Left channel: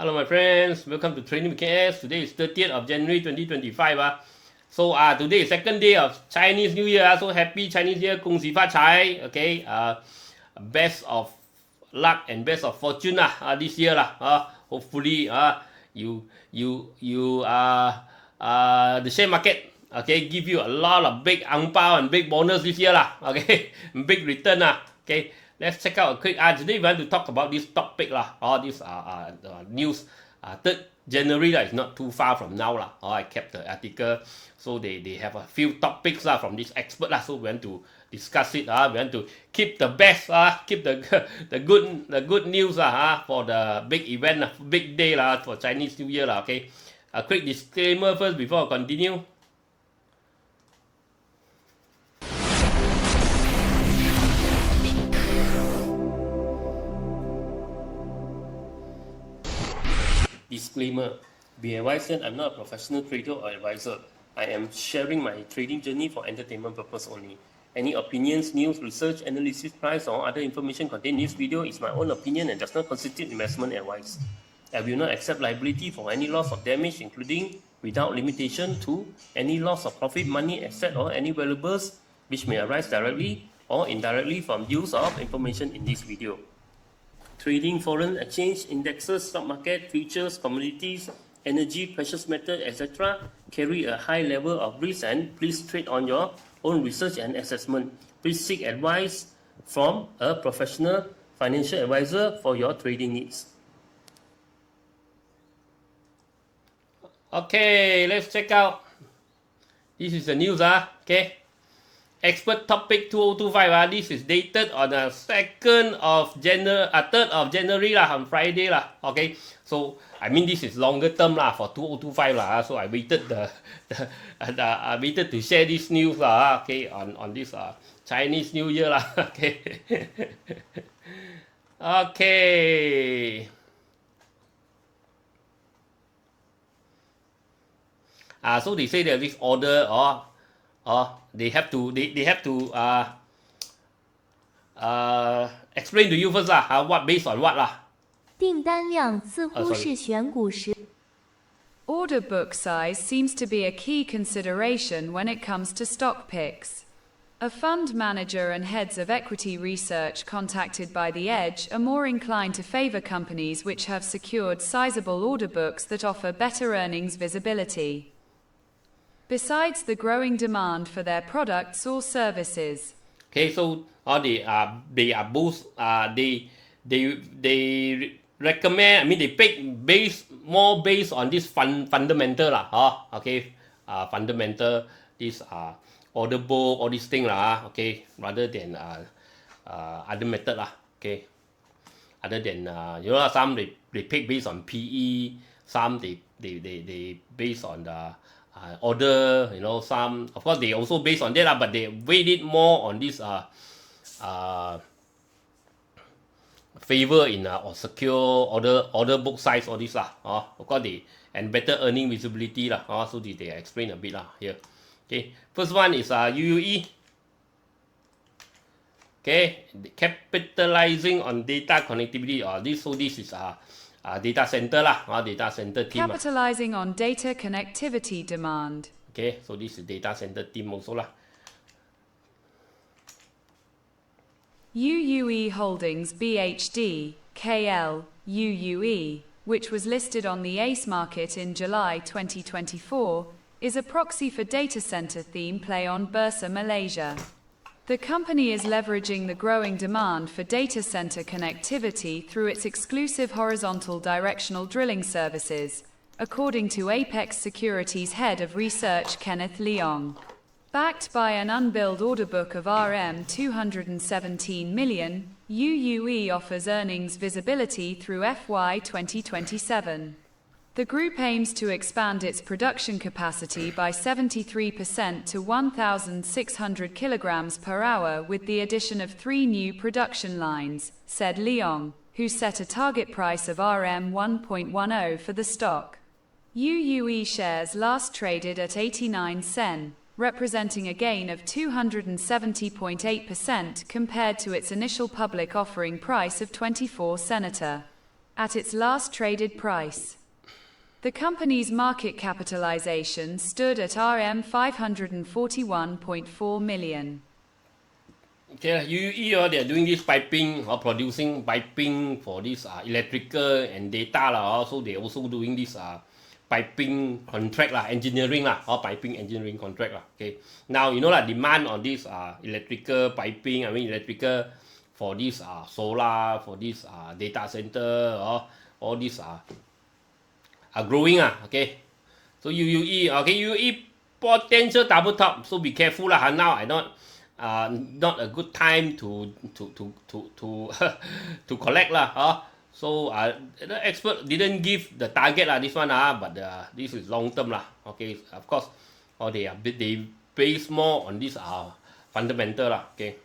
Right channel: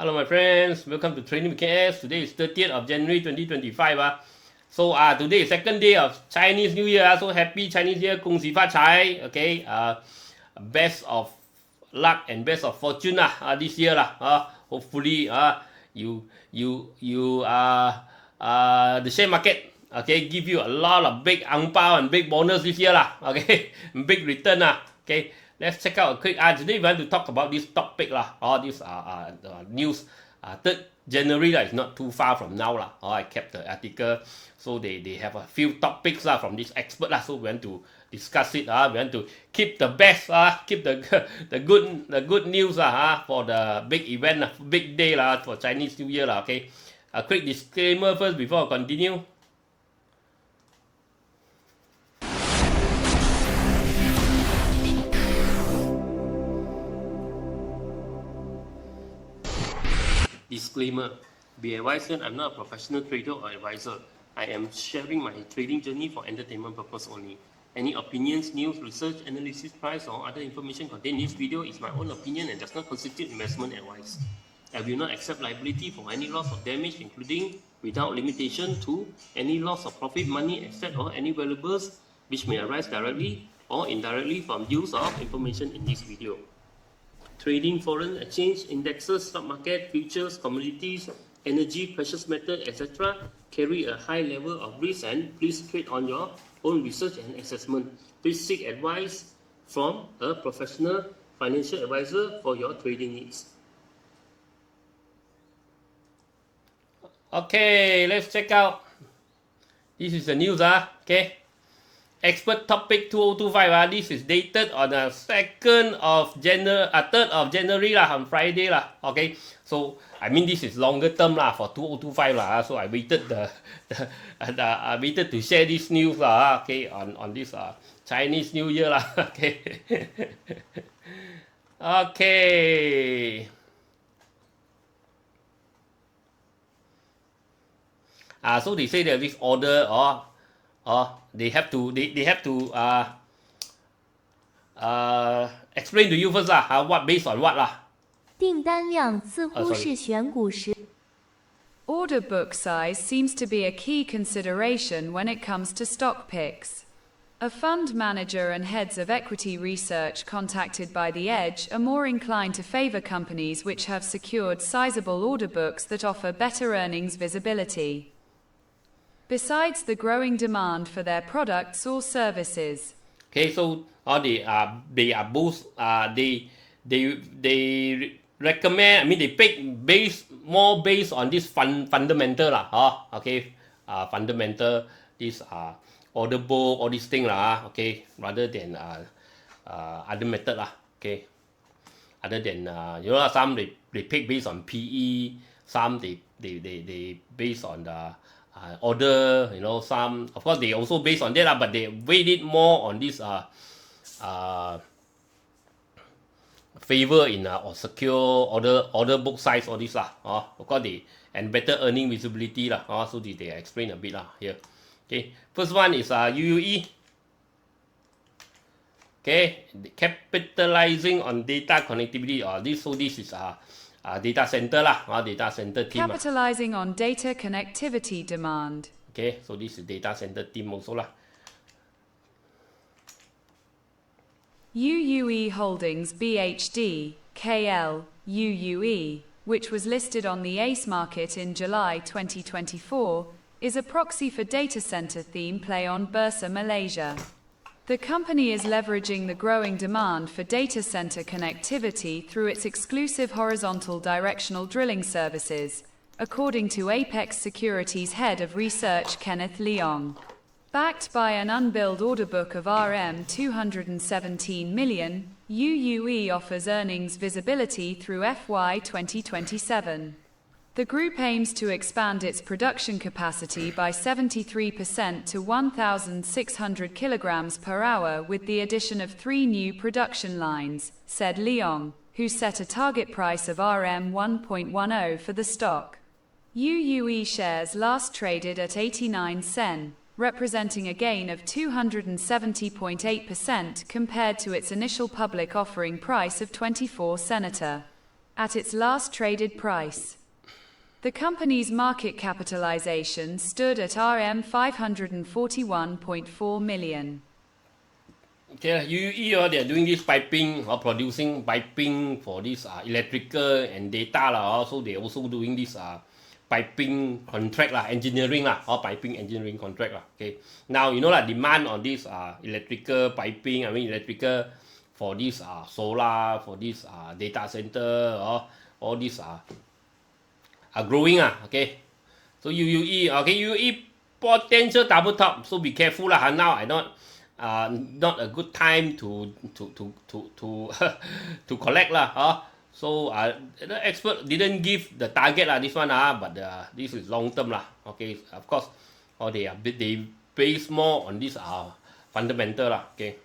Hello my friends, welcome to Training KS. Today is 30th of January 2025. So today is second day of Chinese New Year. So happy Chinese New Year, 恭喜发财. Okay, best of luck and best of fortune this year hopefully you the share market give you a lot of big ang pao and big bonus this year okay, big return okay. Let's check out a quick today we want to talk about this topic this news 3rd January is not too far from now I kept the article, so they have a few topics from this expert so we want to discuss it. We want to keep the best keep the good news for the big event big day for Chinese New Year okay. A quick disclaimer first before I continue. Disclaimer. Be advised that I'm not a professional trader or advisor. I am sharing my trading journey for entertainment purpose only. Any opinions, news, research, analysis, price, or other information contained in this video is my own opinion and does not constitute investment advice. I will not accept liability for any loss or damage, including, without limitation to, any loss of profit, money, asset, or any valuables which may arise directly or indirectly from use of information in this video. Trading foreign exchange, indexes, stock market, futures, commodities, energy, precious metal, etc. carry a high level of risk and please trade on your own research and assessment. Please seek advice from a professional financial advisor for your trading needs. Okay, let's check out. This is the news okay. Expert topic 2025 this is dated on the 3rd of January on Friday okay. So I mean this is longer term for 2025 so I waited I waited to share this news okay on this Chinese New Year okay. Okay. So they say that this order they have to explain to you first what based on what 订单量似乎是选股时 Order book size seems to be a key consideration when it comes to stock picks. A fund manager and heads of equity research contacted by The Edge are more inclined to favor companies which have secured sizable order books that offer better earnings visibility. Besides the growing demand for their products or services. Okay, so they are both they recommend, I mean they pick more based on this fundamental okay, fundamental this order book all this thing okay, rather than other method okay, other than some they pick based on PE, some they based on the order, some of course they also based on that but they weighed it more on this favor in or secure order book size all this of course they and better earning visibility so they explain a bit here. Okay, first one is UUE. Okay, capitalizing on data connectivity this is data center data center team. Capitalizing on data connectivity demand. Okay, so this is data center team also UUE Holdings BHD, KL, UUE, which was listed on the ACE market in July 2024, is a proxy for data center theme play on Bursa Malaysia. The company is leveraging the growing demand for data center connectivity through its exclusive horizontal directional drilling services, according to Apex Securities Head of Research Kenneth Leong. Backed by an unbilled order book of RM 217 million, UUE offers earnings visibility through FY 2027. The group aims to expand its production capacity by 73% to 1,600 kilograms per hour with the addition of 3 new production lines, said Leong, who set a target price of RM 1.10 for the stock. UUE shares last traded at 89 sen, representing a gain of 270.8% compared to its initial public offering price of 24 senator. at its last traded price. The company's market capitalization stood at RM 541.4 million. Okay, UUE, they're doing this piping or producing piping for this electrical and data so they also doing this piping contract engineering or piping engineering contract Okay, now demand on this electrical piping, electrical for this solar, for this data center, all these are growing okay. So UUE, UUE potential double top, so be careful now. I not a good time to to collect So the expert didn't give the target this one but this is long term okay. Of course, they base more on this fundamental okay.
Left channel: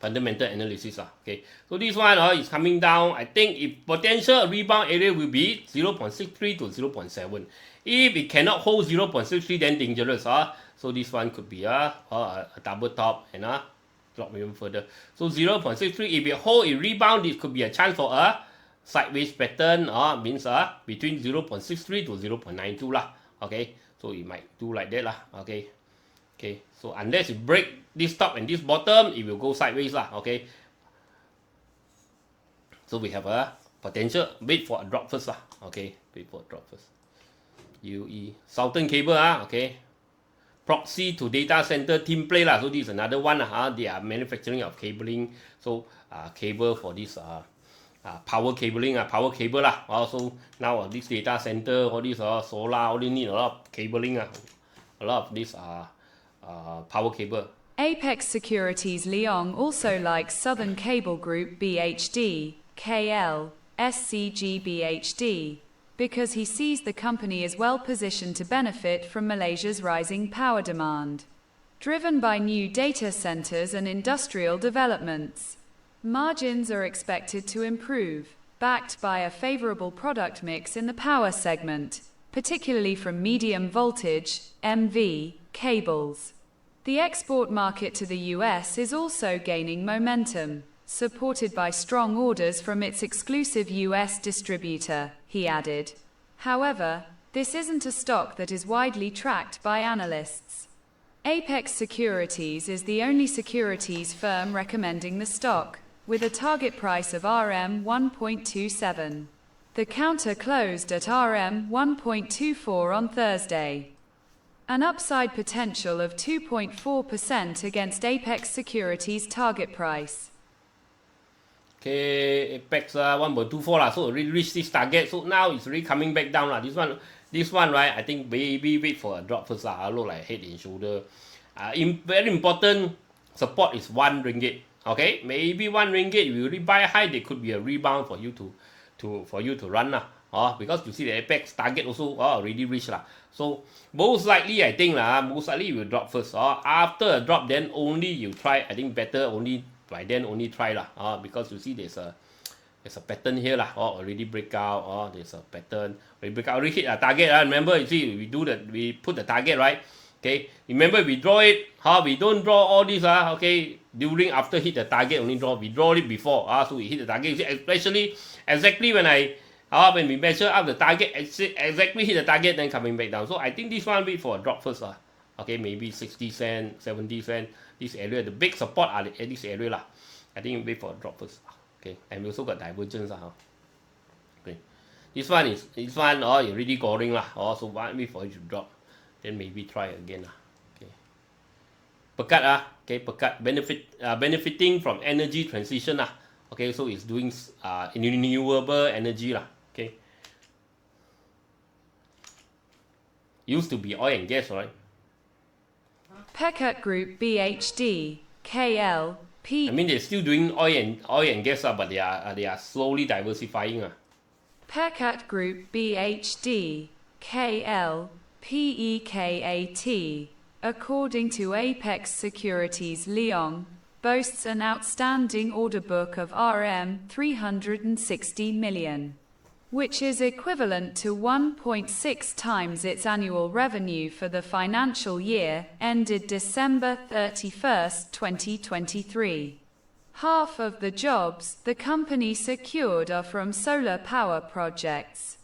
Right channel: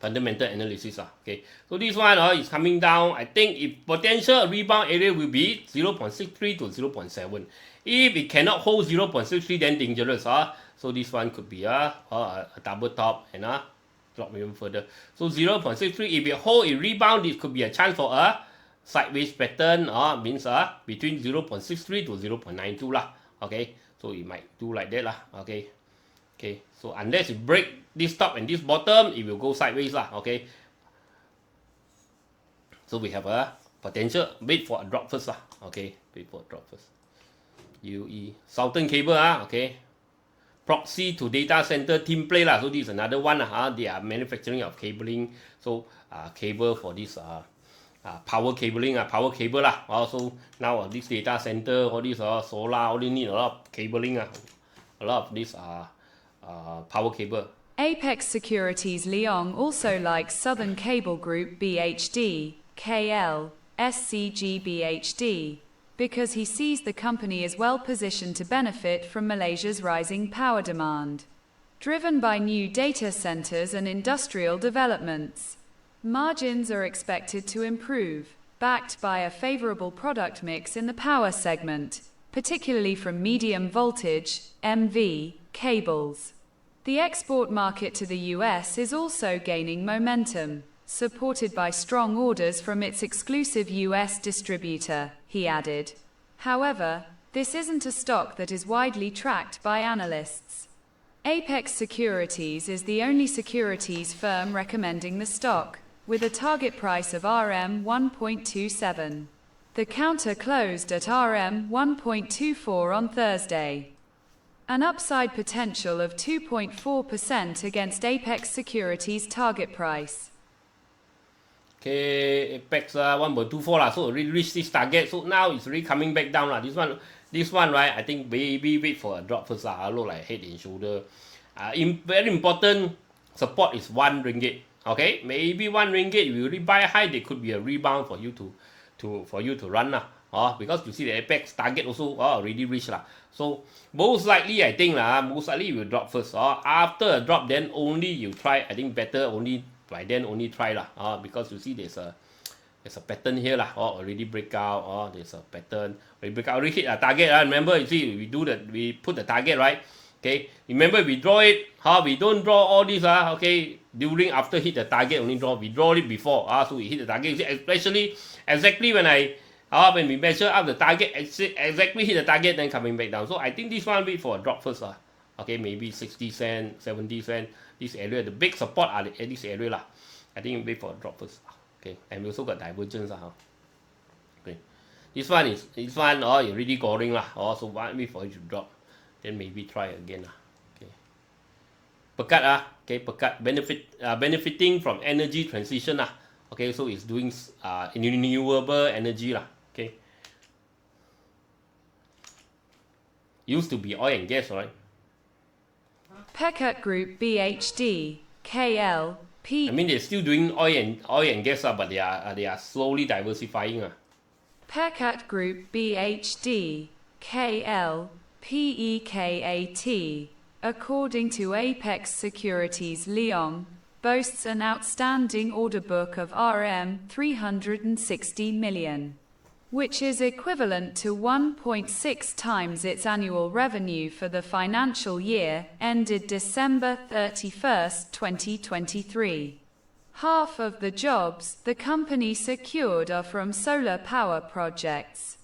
Fundamental analysis okay. So this one is coming down. I think if potential rebound area will be 0.63 to 0.7. If it cannot hold 0.63, then dangerous So this one could be a double top and drop even further. So 0.63, if it hold a rebound, it could be a chance for a sideways pattern. Means between 0.63 to 0.92 Okay, so it might do like that Okay. Okay, so unless it break this top and this bottom, it will go sideways Okay. So we have a potential. Wait for a drop first Okay, wait for a drop first. UUE Southern Cable okay. Proxy to data center team play so this is another one they are manufacturing of cabling, so cable for this power cabling power cable so now this data center, all this solar, all they need a lot of cabling a lot of this power cable. Apex Securities Leong also likes Southern Cable Group BHD, KL, SCGBHD, because he sees the company is well positioned to benefit from Malaysia's rising power demand, driven by new data centers and industrial developments. Margins are expected to improve, backed by a favorable product mix in the power segment, particularly from medium voltage (MV) cables. The export market to the US is also gaining momentum, supported by strong orders from its exclusive US distributor, he added. However, this isn't a stock that is widely tracked by analysts. Apex Securities is the only securities firm recommending the stock, with a target price of RM 1.27. The counter closed at RM 1.24 on Thursday. An upside potential of 2.4% against Apex Securities' target price. Okay, Apex 1.24 so already reached this target. So now it's really coming back down This one, right? I think maybe wait for a drop first look like head and shoulder. Very important support is 1 ringgit. Okay, maybe 1 ringgit. If you really buy high, there could be a rebound for you to run because you see the Apex target also already reached So most likely I think most likely you will drop first. After a drop, then only you try. I think better only by then only try because you see there's a pattern here already break out. There's a pattern. We break out, already hit a target. Remember, you see we put the target right. Okay, remember we draw it. We don't draw all these okay during after hit the target only draw. We draw it before so we hit the target. Especially exactly when we measure up the target, exactly hit the target, then coming back down. So I think this one wait for a drop first okay, maybe 60 cents, 70 cents. This area, the big support are at this area I think wait for a drop first. Okay, and we also got divergence okay. This one you already going so wait for it to drop, then maybe try again okay. Pekat okay, Pekat benefiting from energy transition okay, so it's doing renewable energy okay. Used to be oil and gas, right? Pekat Group BHD, KL, P. I mean, they're still doing oil and gas, but they are slowly diversifying. Pekat Group BHD, KL, PEKAT, according to Apex Securities Leong, boasts an outstanding order book of RM 360 million, which is equivalent to 1.6 times its annual revenue for the financial year ended December 31, 2023. Half of the jobs the company secured are from solar power projects,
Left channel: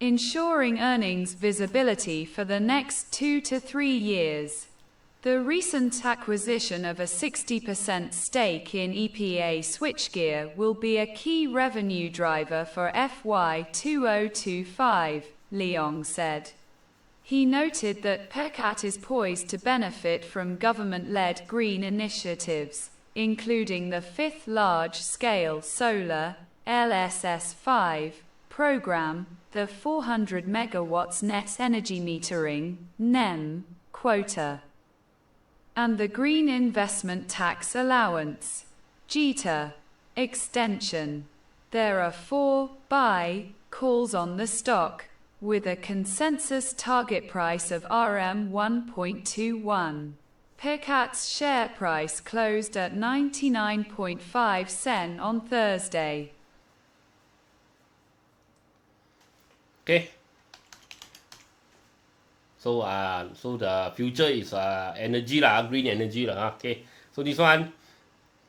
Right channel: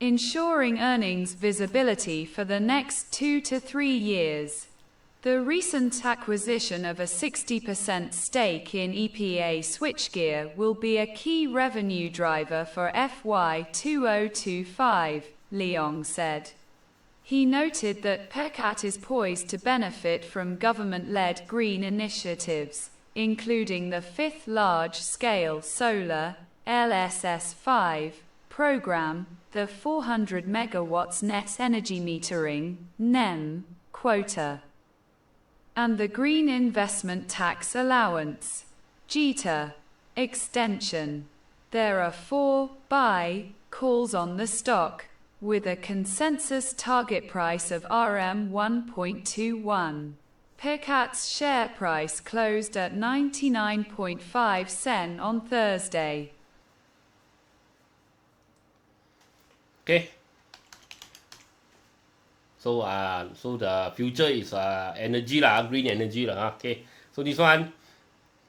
ensuring earnings visibility for the next 2 to 3 years. The recent acquisition of a 60% stake in EPA switchgear will be a key revenue driver for FY 2025, Leong said. He noted that Pekat is poised to benefit from government-led green initiatives, including the 5th large-scale solar LSS5 program, the 400 megawatts net energy metering (NEM) quota, and the Green Investment Tax Allowance (GTA) extension. There are 4 buy calls on the stock, with a consensus target price of RM 1.21. Pekat's share price closed at 99.5 cents on Thursday. Okay. So the future is energy lah, green energy lah. Okay. So this one,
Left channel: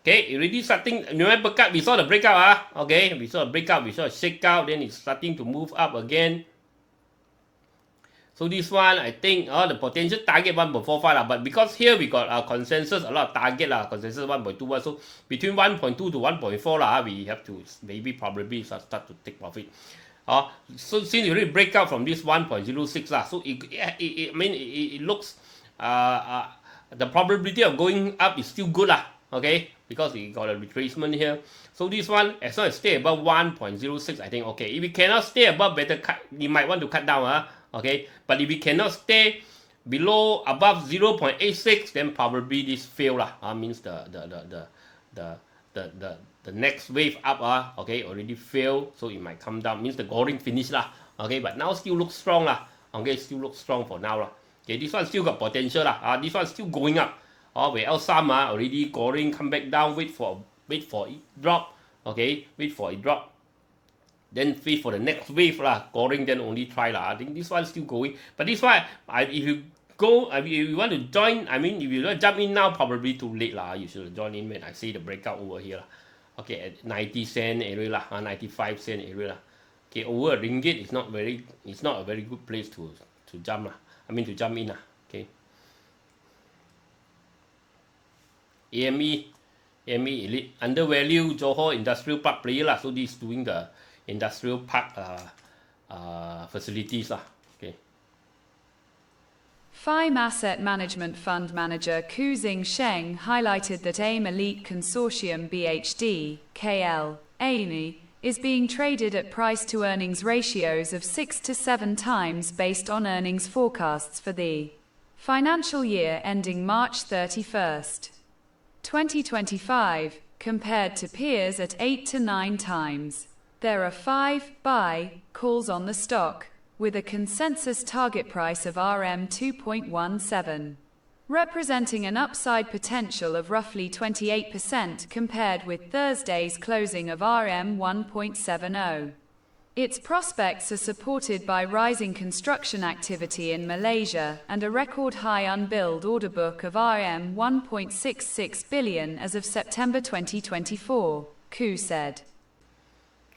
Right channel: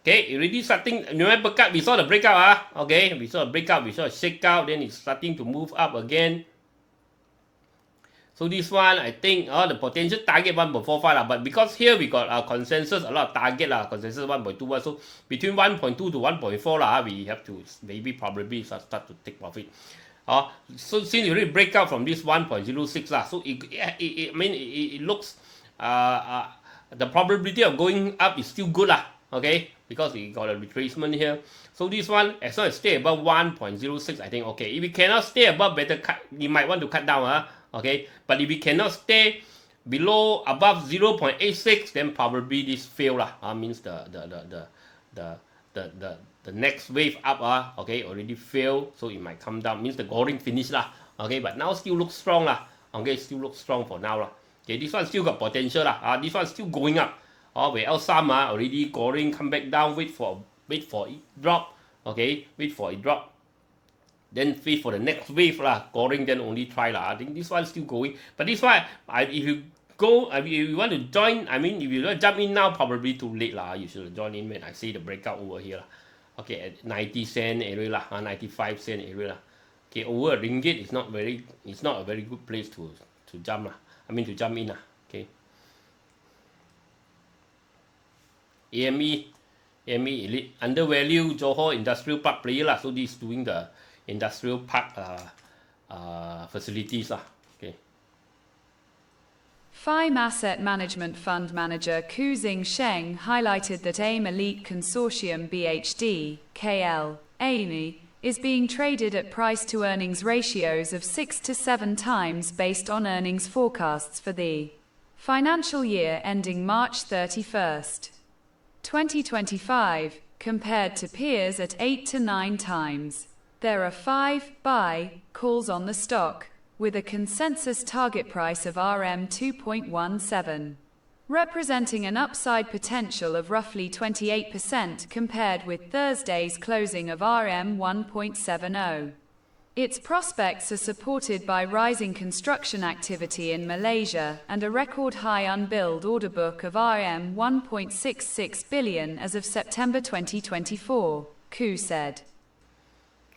okay, already starting. Remember, we saw the breakout. Okay, we saw a breakout, we saw a shakeout, then it's starting to move up again. So this one, I think, the potential target 1.45 lah, but because here we got consensus, a lot of target lah, consensus 1.21, so between 1.2 to 1.4 lah, we have to maybe probably start to take profit. So since you already break out from this 1.06 lah, so it looks, the probability of going up is still good lah, okay, because we got a retracement here. So this one, as long as stay above 1.06, I think okay. If we cannot stay above, better cut. You might want to cut down, okay. But if we cannot stay above 0.86, then probably this fail lah. Means the next wave up, okay, already failed, so it might come down. Means the goring finish lah, okay. But now still looks strong lah, okay. Still looks strong for now lah. Okay, this one still got potential lah. This one still going up. Where else some already goring, come back down, wait for it drop, okay, wait for it drop, then wait for the next wave lah, goring, then only try lah. I think this one still going, but this one, if you go, if you want to join, I mean, if you want to jump in now, probably too late lah. You should join in when I see the breakout over here lah. Okay, at 90 cent area lah, 95 cent area lah. Okay, over a ringgit is not a very good place to jump lah. I mean to jump in lah. Okay. AME Elite undervalue Johor Industrial Park player lah. So this is doing the industrial park facilities lah. Okay. FIME Asset Management Fund Manager Ku Zing Sheng highlighted that AME Elite Consortium BHD, KL, AME, is being traded at price-to-earnings ratios of 6 to 7 times based on earnings forecasts for the financial year ending March 31st, 2025, compared to peers at 8 to 9 times. There are 5 buy calls on the stock, with a consensus target price of RM 2.17, representing an upside potential of roughly 28% compared with Thursday's closing of RM 1.70. Its prospects are supported by rising construction activity in Malaysia and a record high unbilled order book of RM 1.66 billion as of September 2024, Ku said.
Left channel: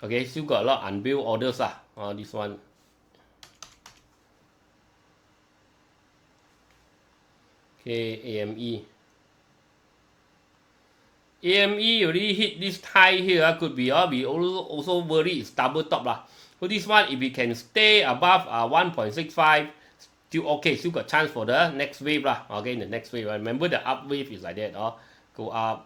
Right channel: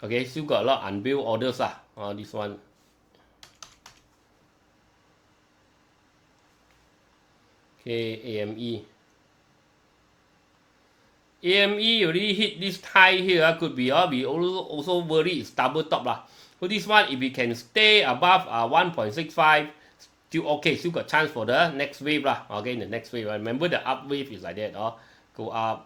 Okay, still got a lot of unbilled orders lah. This one. Okay, AME already hit this high here. Could be we also worry it's double top lah. So this one, if we can stay above 1.65, still okay. Still got chance for the next wave lah. Okay, the next wave. Remember the up wave is like that. Go up,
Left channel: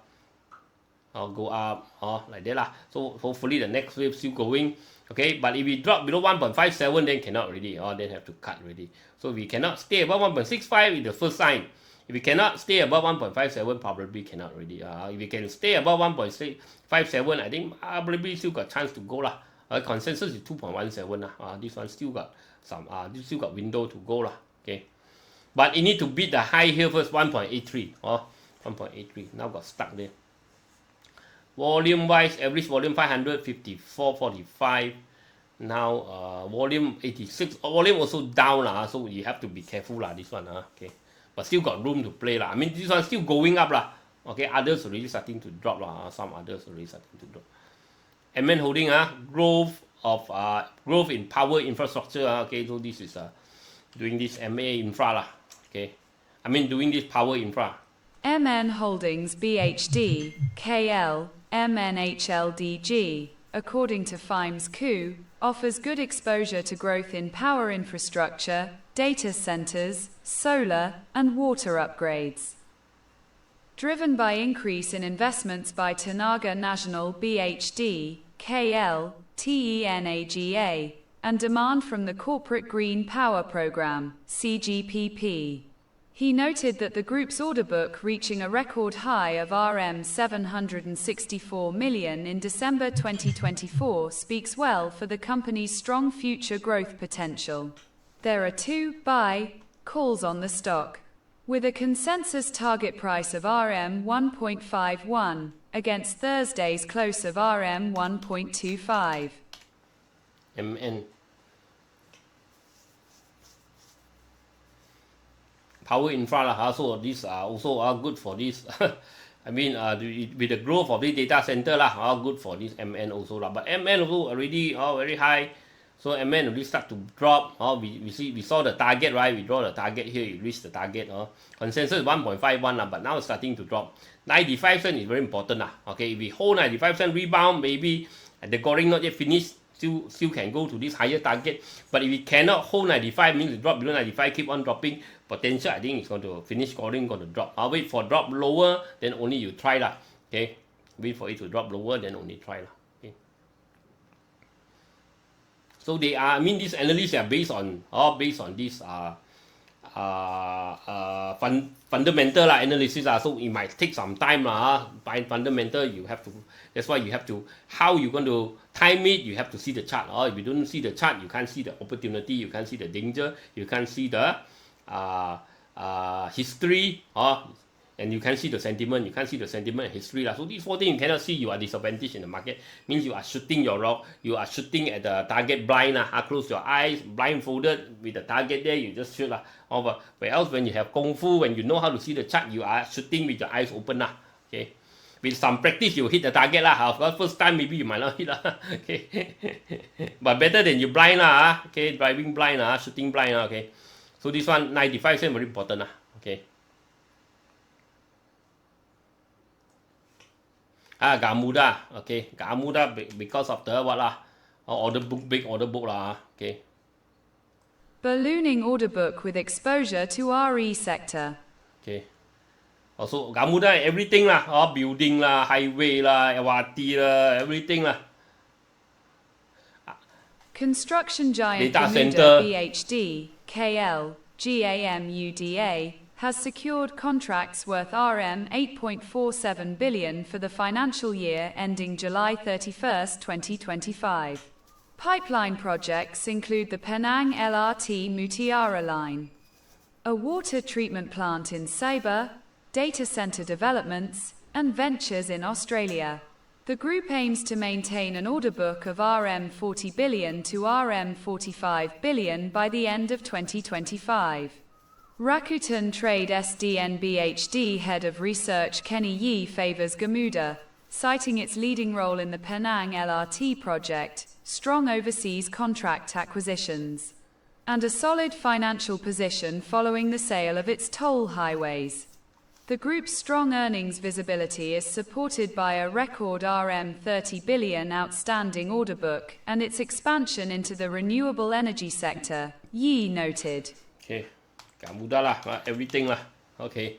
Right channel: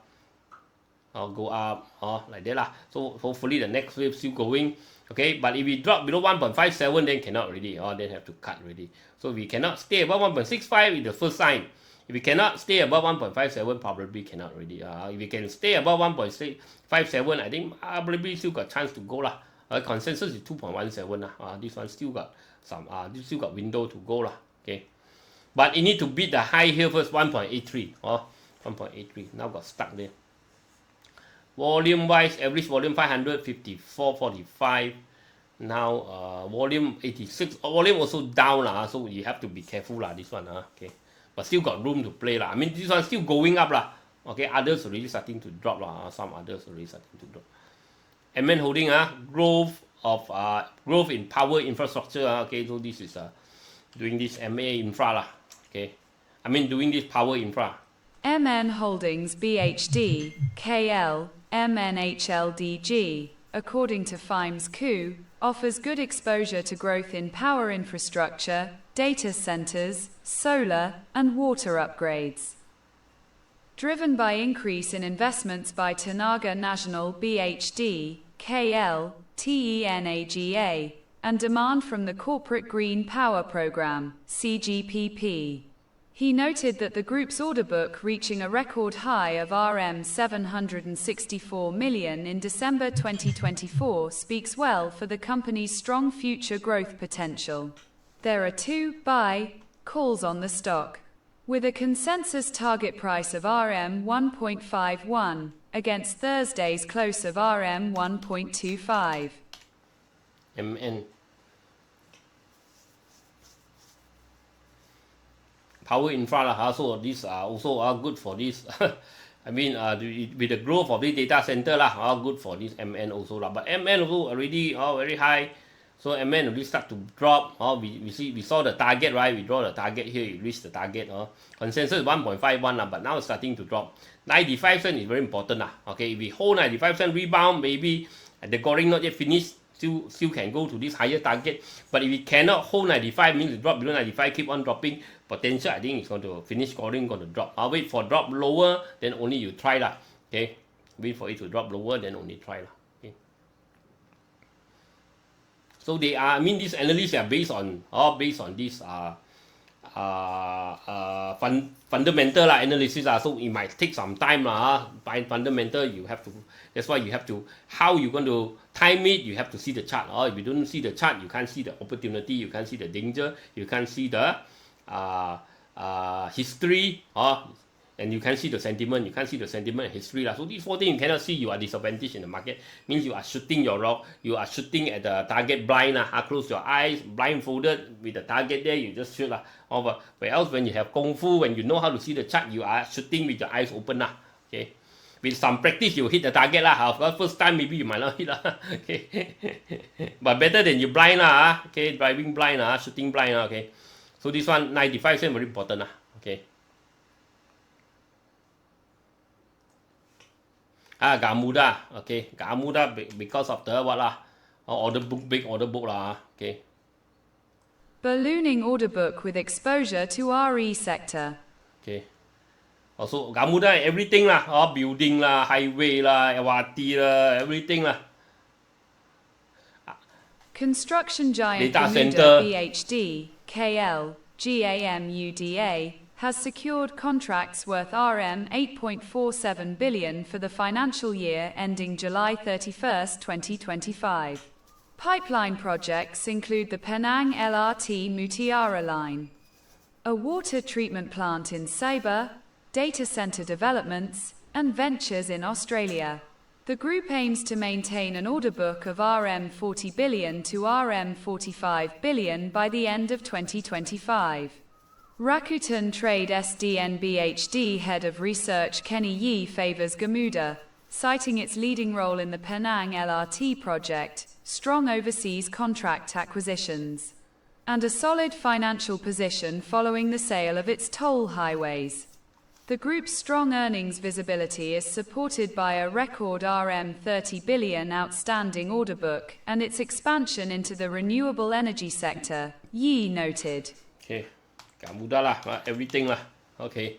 like that lah. So hopefully the next wave still going. Okay, but if we drop below 1.57, then cannot already. Then have to cut already. So we cannot stay above 1.65 is the first sign. If we cannot stay above 1.57, probably cannot already. If we can stay above 1.57, I think probably still got chance to go lah. Consensus is 2.17 lah. This one still got still got window to go lah. Okay, but it need to beat the high here first, 1.83. 1.83. Now got stuck there. Volume wise, average volume 554.45. Now volume 86. Volume also down lah. So you have to be careful lah. This one okay. But still got room to play lah. I mean, this one still going up lah. Okay, others already starting to drop lah. Some others already starting to drop. MN Holding growth in power infrastructure. Okay, so this is doing this MA infra lah. Okay, I mean doing this power infra. MN Holdings BHD, KL, MNHLDG, according to FIME's Coup, offers good exposure to growth in power infrastructure, data centers, solar, and water upgrades. Driven by increase in investments by Tenaga Nasional BHD, KL, TENAGA, and demand from the Corporate Green Power Program, CGPP. He noted that the group's order book reaching a record high of RM 764 million in December 2024 speaks well for the company's strong future growth potential. There are 2 buy calls on the stock, with a consensus target price of RM 1.51 against Thursday's close of RM 1.25. MN power infra lah, so these are also good for this. I mean, with the growth of the data center lah, good for this MN also lah. But MN also already very high, so MN already start to drop. We saw the target, right? We draw the target here. It reached the target. Consensus 1.51 lah, but now it's starting to drop. 95 cents is very important lah. Okay, if we hold 95 cents rebound, maybe the goring not yet finished. Still can go to this higher target. But if we cannot hold 95, means it drop below 95, keep on dropping. Potential, I think it's going to finish scoring, going to drop. I'll wait for drop lower, then only you try lah. Okay, wait for it to drop lower, then only try lah. Okay. So they are, I mean, these analysts are based on this fundamental analysis so it might take some time by fundamental you have to, that's why you have to, how you going to time it, you have to see the chart. If you don't see the chart, you can't see the opportunity, you can't see the danger, you can't see the history, and you can't see the sentiment, and history so these 4 things you cannot see, you are disadvantaged in the market. Means you are shooting you are shooting at the target blind close your eyes, blindfolded with the target there, you just shoot where else when you have kung fu, when you know how to see the chart, you are shooting with your eyes open okay. With some practice, you hit the target first time maybe you might not hit okay. But better than you blind okay, driving blind shooting blind okay. So this one 95 cents very important okay. GAMUDA, okay, GAMUDA because of the what order book, big order book okay. Ballooning order book with exposure to RE sector. Okay. Also GAMUDA everything building highway LRT everything Construction giant Data GAMUDA center. BHD, KL, GAMUDA, has secured contracts worth RM 8.47 billion for the financial year ending July 31, 2025. Pipeline projects include the Penang LRT Mutiara line, a water treatment plant in Sabah, data center developments, and ventures in Australia. The group aims to maintain an order book of RM 40 billion to RM 45 billion by the end of 2025. Rakuten Trade SDN-BHD Head of Research Kenny Yee favors GAMUDA, citing its leading role in the Penang LRT project, strong overseas contract acquisitions, and a solid financial position following the sale of its toll highways. The group's strong earnings visibility is supported by a record RM 30 billion outstanding order book and its expansion into the renewable energy sector, Yee noted. Okay, GAMUDA everything okay.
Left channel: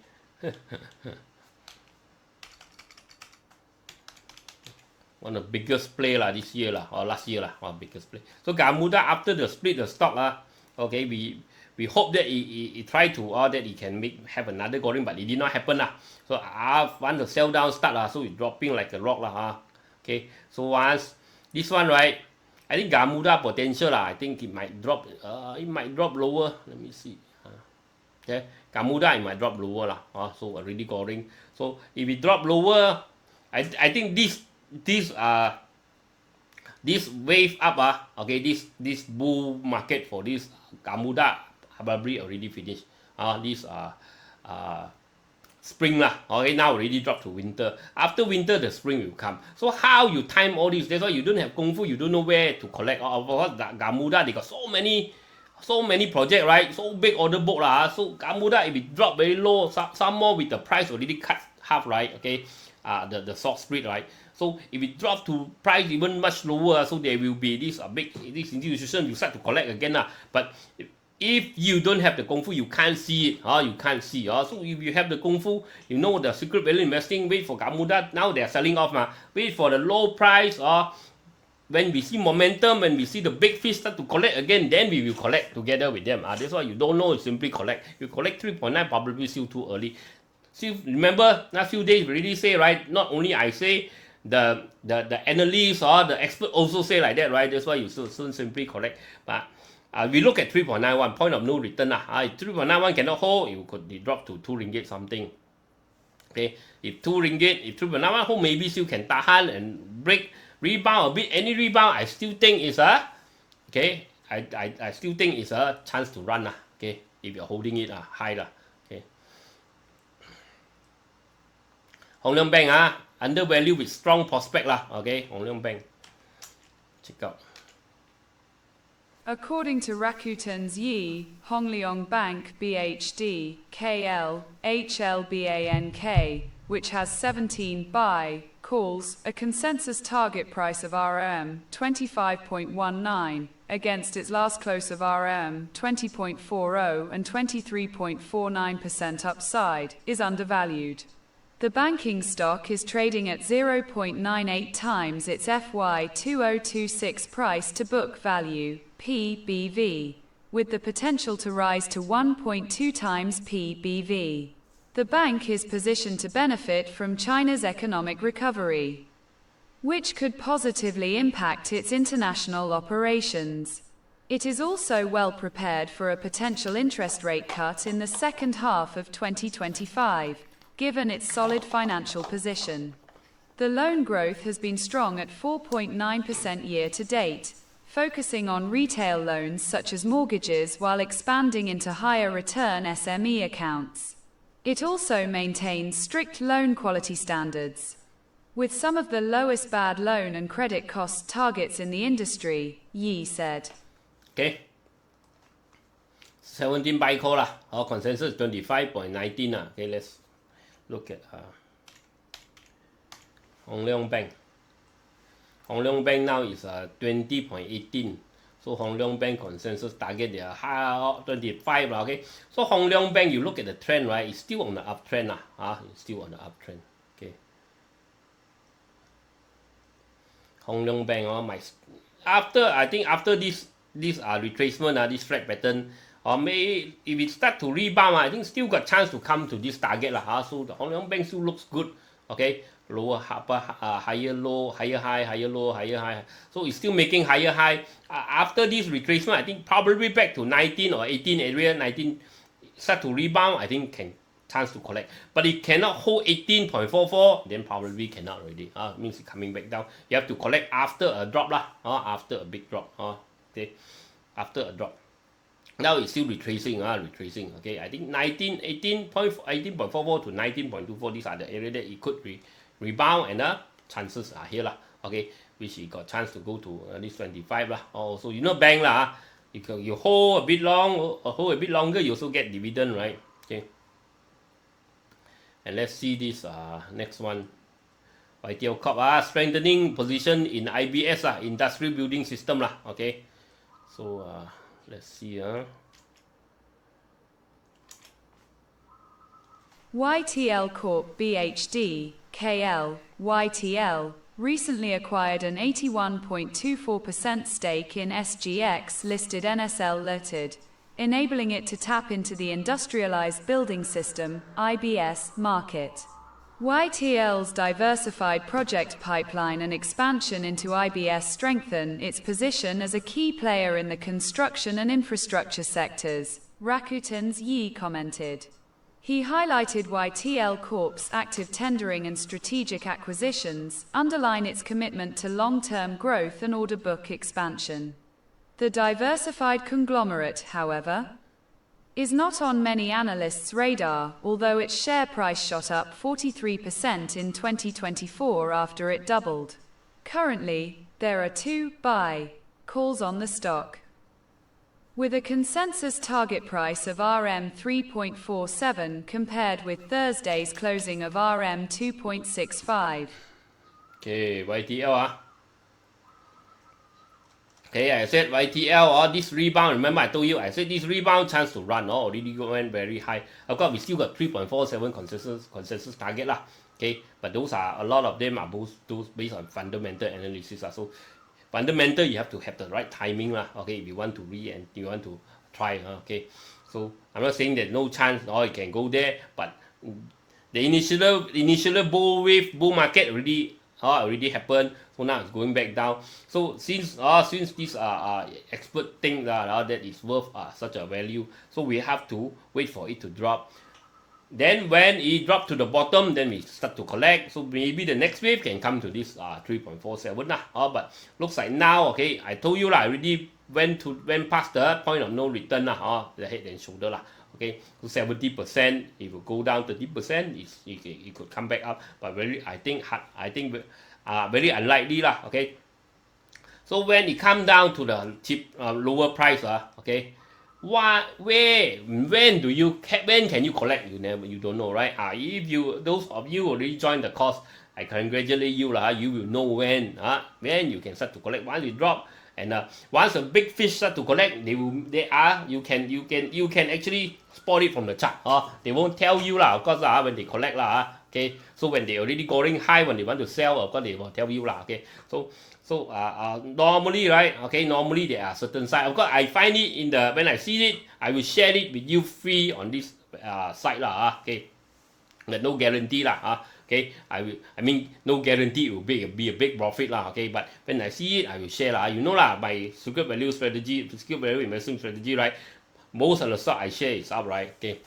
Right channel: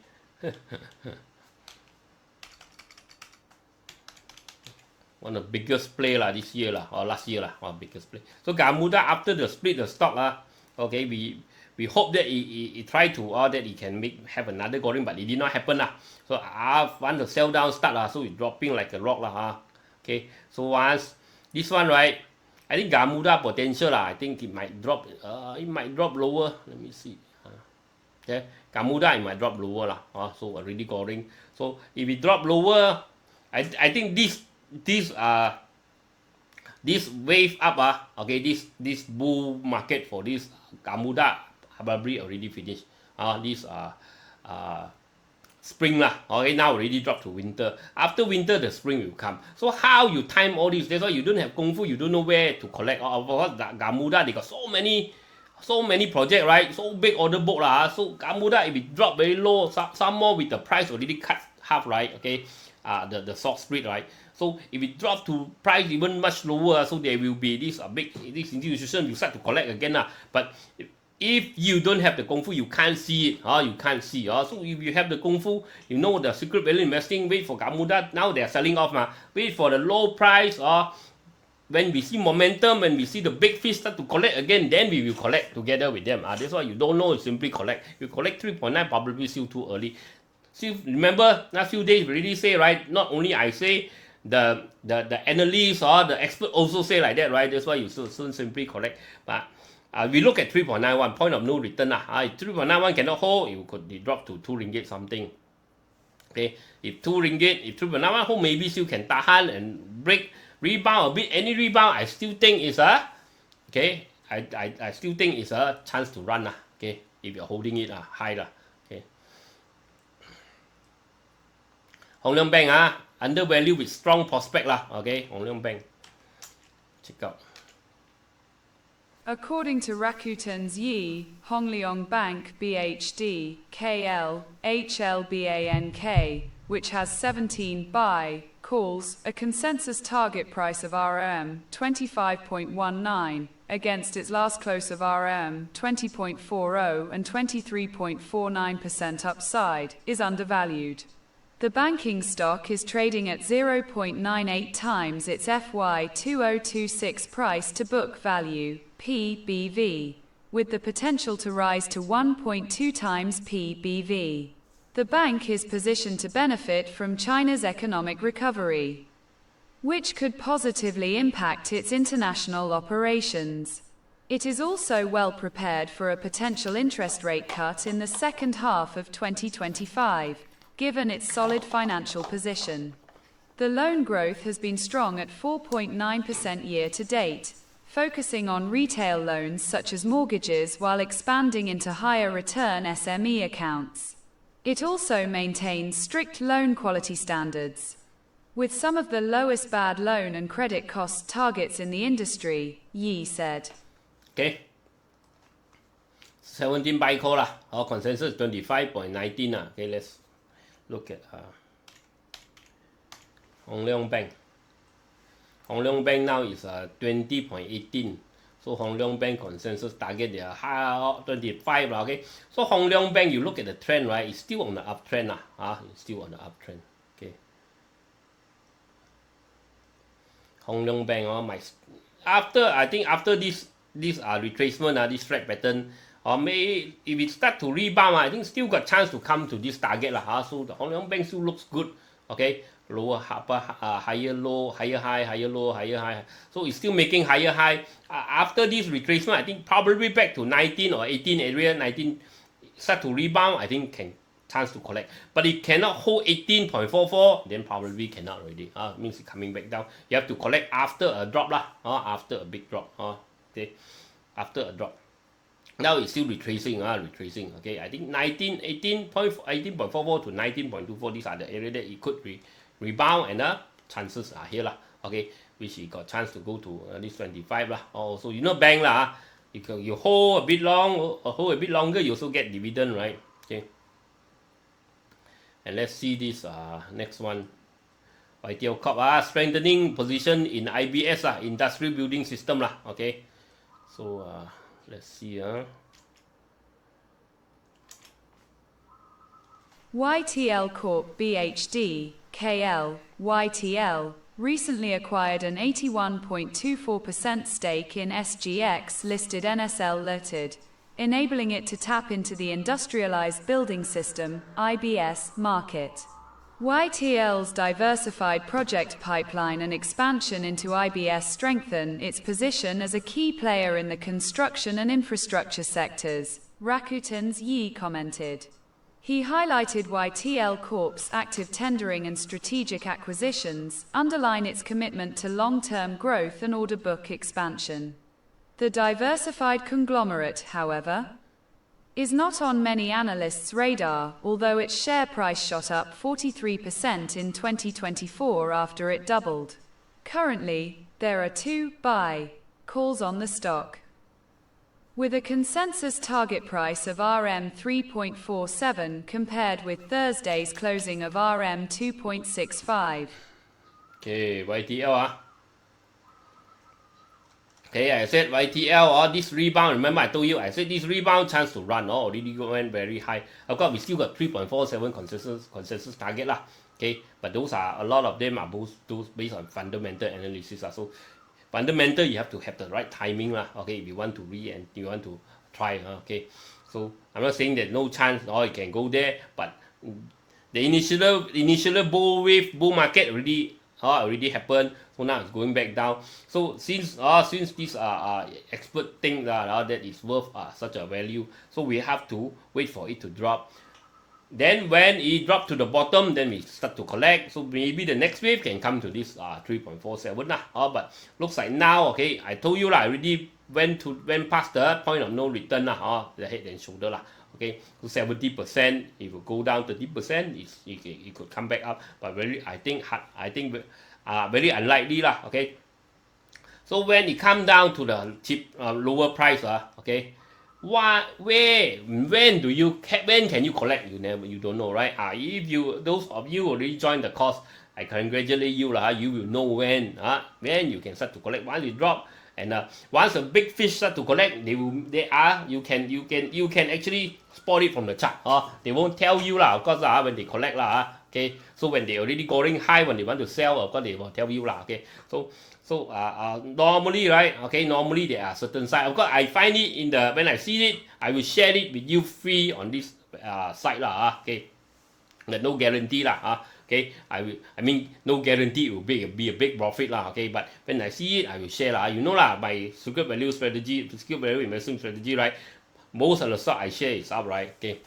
One of the biggest play this year or last year biggest play. So GAMUDA after the split the stock okay, we hope that it try to that it can have another goring, but it did not happen So I want to sell down start so it's dropping like a rock okay. So once this one right, I think GAMUDA potential I think it might drop lower. Let me see. Okay, GAMUDA it might drop lower so already goring. So if it drop lower, I think this wave up okay, this bull market for this GAMUDA probably already finished. This spring lah. Okay, now already dropped to winter. After winter, the spring will come. So how you time all this? That's why you don't have kung fu. You don't know where to collect. Gamuda, they got so many projects, right? So big order book lah. So Gamuda, if it drop very low, some more with the price already cut half, right? Okay, the stock split, right? So if it drops to price even much lower, so there will be this institution you start to collect again lah. But if you don't have the kung fu, you can't see it. You can't see. So if you have the kung fu, you know the secret value investing. Wait for Gamuda. Now they are selling off. Wait for the low price. When we see momentum, when we see the big fish start to collect again, then we will collect together with them. That's why you don't know. You simply collect. You collect 3.9, probably still too early. See, remember last few days we already say, right? Not only I say, the analysts or the expert also say like that, right? That's why you should simply collect. But we look at 3.91, point of no return. If 3.91 cannot hold, it could drop to 2 ringgit something. Okay, if 2 ringgit, if 3.91 hold, maybe still can tahan and rebound a bit. Any rebound, I still think is I still think it's a chance to run. Okay, if you're holding it high. Okay. Leong Bank undervalued with strong prospect Okay, Leong Bank. Check out. According to Rakuten's Yi, Leong Bank BHD, KL, HLBANK, which has 17 buy calls, a consensus target price of RM 25.19, against its last close of RM 20.40 and 23.49% upside, is undervalued. The banking stock is trading at 0.98 times its FY 2026 price to book value, PBV, with the potential to rise to 1.2 times PBV. The bank is positioned to benefit from China's economic recovery, which could positively impact its international operations. It is also well prepared for a potential interest rate cut in the second half of 2025. Given its solid financial position. The loan growth has been strong at 4.9% year to date, focusing on retail loans such as mortgages while expanding into higher return SME accounts. It also maintains strict loan quality standards, with some of the lowest bad loan and credit cost targets in the industry, Yi said. Okay. 17 buy call Our consensus 25.19 Okay, let's look at Leong Bank. Leong Bank now is 20.18. So Leong Bank consensus target they are 25. Okay. So Leong Bank, you look at the trend, right? It's still on the uptrend. It's still on the uptrend. Okay. Leong Bank, I think after this retracement, this flat pattern. May if it start to rebound, I think still got chance to come to this target So the Leong Bank still looks good. Okay, lower higher low, higher high, higher low, higher high. So it's still making higher high. After this retracement, I think probably back to 19 or 18 area. 19 start to rebound. I think can chance to collect. But it cannot hold 18.44, then probably cannot already. Means it's coming back down. You have to collect after a drop after a big drop. Okay, after a drop. Now it's still retracing, okay. I think 18.44 to 19.24, these are the area that it could rebound, and chances are here okay, which it got chance to go to this 25 So you know bank you hold a bit longer, you also get dividend, right? Okay. And let's see this next one. YTL Corp strengthening position in IBS industrial building system okay. So let's see. YTL Corp BHD, KL, YTL, recently acquired an 81.24% stake in SGX listed NSL Limited, enabling it to tap into the industrialized building system, IBS, market. YTL's diversified project pipeline and expansion into IBS strengthen its position as a key player in the construction and infrastructure sectors, Rakuten's Yi commented. He highlighted YTL Corp's active tendering and strategic acquisitions underline its commitment to long-term growth and order book expansion. The diversified conglomerate, however, is not on many analysts' radar, although its share price shot up 43% in 2024 after it doubled. Currently, there are 2 buy calls on the stock, with a consensus target price of RM 3.47 compared with Thursday's closing of RM 2.65. Okay, YTL. Okay, I said YTL, this rebound, remember I told you, I said this rebound chance to run, already went very high. Of course, we still got 3.47 consensus target lah. Okay, but those are, a lot of them are both those based on fundamental analysis. So, fundamental, you have to have the right timing lah. Okay, if you want to and you want to try, okay. So, I'm not saying that no chance, it can go there, but the initial bull market already happened. So now it's going back down. So since these expert think that is worth such a value, so we have to wait for it to drop. Then when it dropped to the bottom, then we start to collect. So maybe the next wave can come to this 3.47 but looks like now, okay, I told you I already went past the point of no return the head and shoulder okay, so 70%, if you go down 30%, it could come back up, but I think very unlikely okay. So when it come down to the lower price okay, when can you collect? You don't know, right? If those of you already joined the course, I congratulate you you will know when you can start to collect. Once it drop, and once a big fish start to collect, you can actually spot it from the chart. They won't tell you of course when they collect okay. So when they already going high, when they want to sell, of course they will tell you okay. So normally, right? Okay, normally there are certain sites. Of course, I find it when I see it, I will share it with you free on this site okay. But no guarantee okay. I mean no guarantee it will be a big profit okay. But when I see it, I will share my secret value strategy, secret value investing strategy, right? Most of the stock I share is up, right? Okay.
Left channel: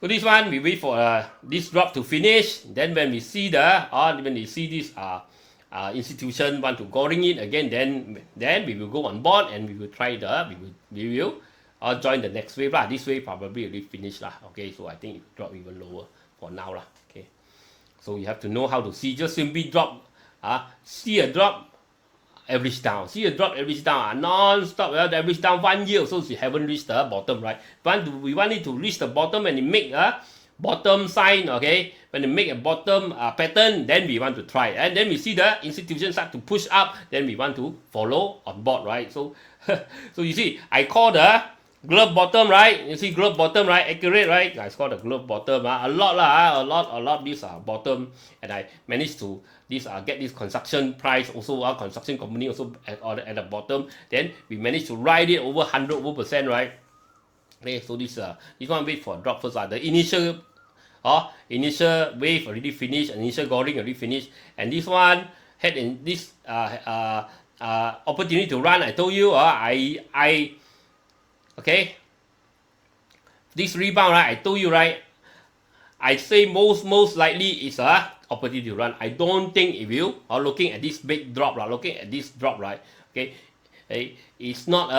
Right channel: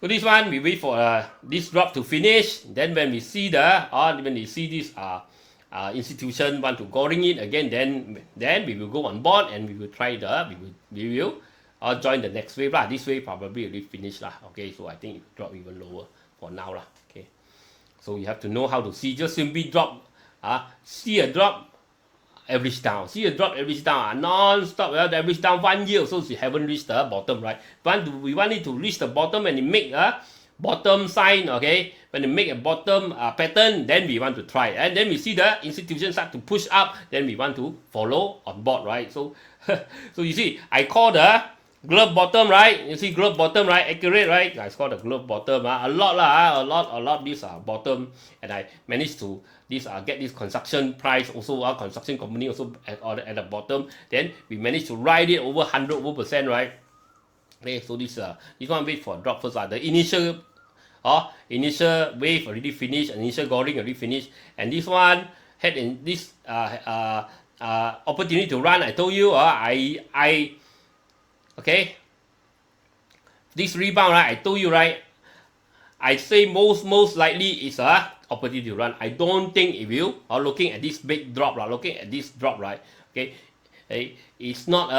So this one we wait for this drop to finish. Then when we see this institution want to going in again, then we will go on board and we will try we will join the next wave This wave probably already finished okay. So I think it drop even lower for now okay. So you have to know how to see. Just simply drop see a drop, average down, non-stop average down 1 year, so you haven't reached the bottom, right? We want it to reach the bottom and it make a bottom sign, okay. When they make a bottom pattern, then we want to try, and then we see the institution start to push up, then we want to follow on board, right? So so you see, I call the glove bottom, right? You see glove bottom, right? Accurate, right? I call the glove bottom a lot this bottom, and I managed to get this construction price also construction company also at the bottom. Then we managed to ride it over 100%, right? Okay, so this one wait for drop first. The initial wave already finished, initial goring already finished, and this one had in this opportunity to run. I told you okay, this rebound, right? I told you, right? I say most likely is a opportunity to run. I don't think it will. Looking at this big drop, looking at this drop, right? Okay, it's not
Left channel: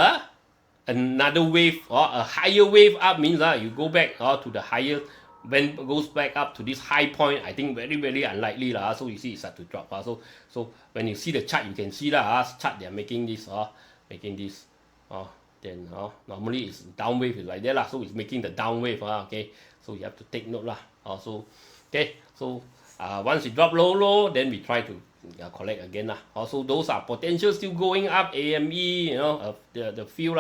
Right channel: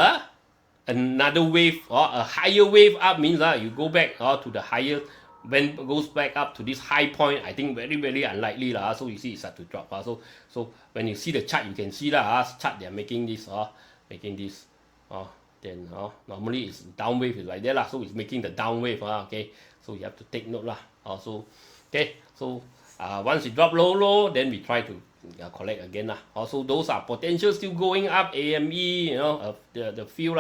another wave or a higher wave up means you go back to the higher. When it goes back up to this high point, I think very unlikely So you see it start to drop. So when you see the chart, you can see chart they are making this then normally it's down wave is like that so it's making the down wave okay. So you have to take note so okay. So once it drop low, then we try to collect again Also those are potential still going up. AME, the few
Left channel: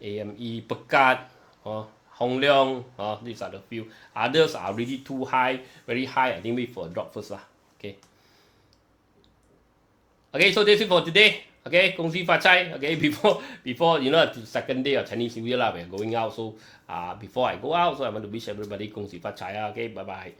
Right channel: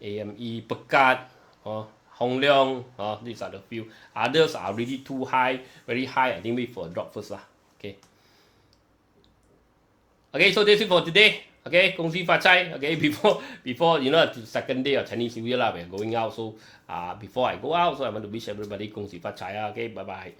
AME, Pekat, Leong, these are the few. Others are really too high, very high. I think wait for a drop first okay. Okay, so that's it for today. Okay, 恭喜发财. Okay, before the second day of Chinese New Year we're going out. So before I go out, so I want to wish everybody 恭喜发财. Okay, bye bye.